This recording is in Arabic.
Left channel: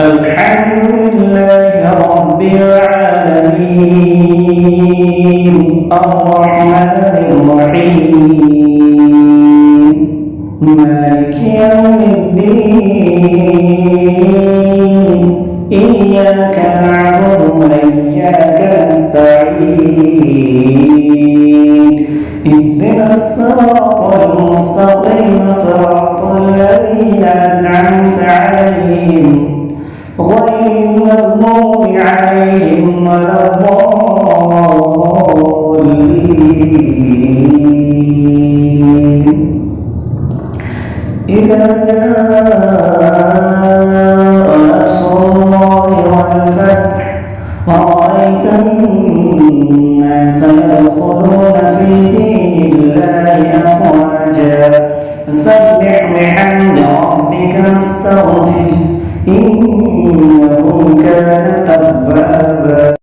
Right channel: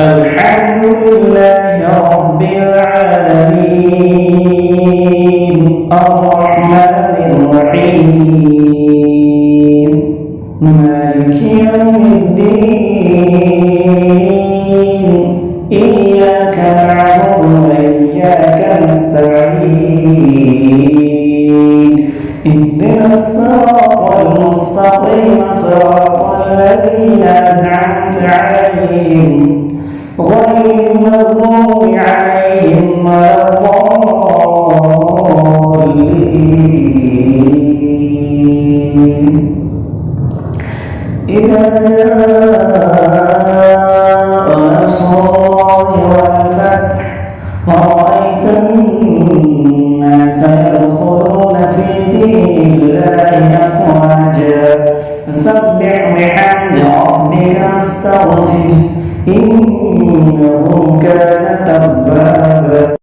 الحمد لله رب العالمين الرحمن الرحيم مالك يوم الدين إياك نعبد وإياك نستعين اهدنا الصراط المستقيم صراط الذين أنعمت عليهم غير المغضوب عليهم ولا الضالين إذا جاء نصر الله والفتح ورأيت الناس يدخلون في دين الله أفواجا فسبح بحمد ربك واستغفره إنه كان توابا.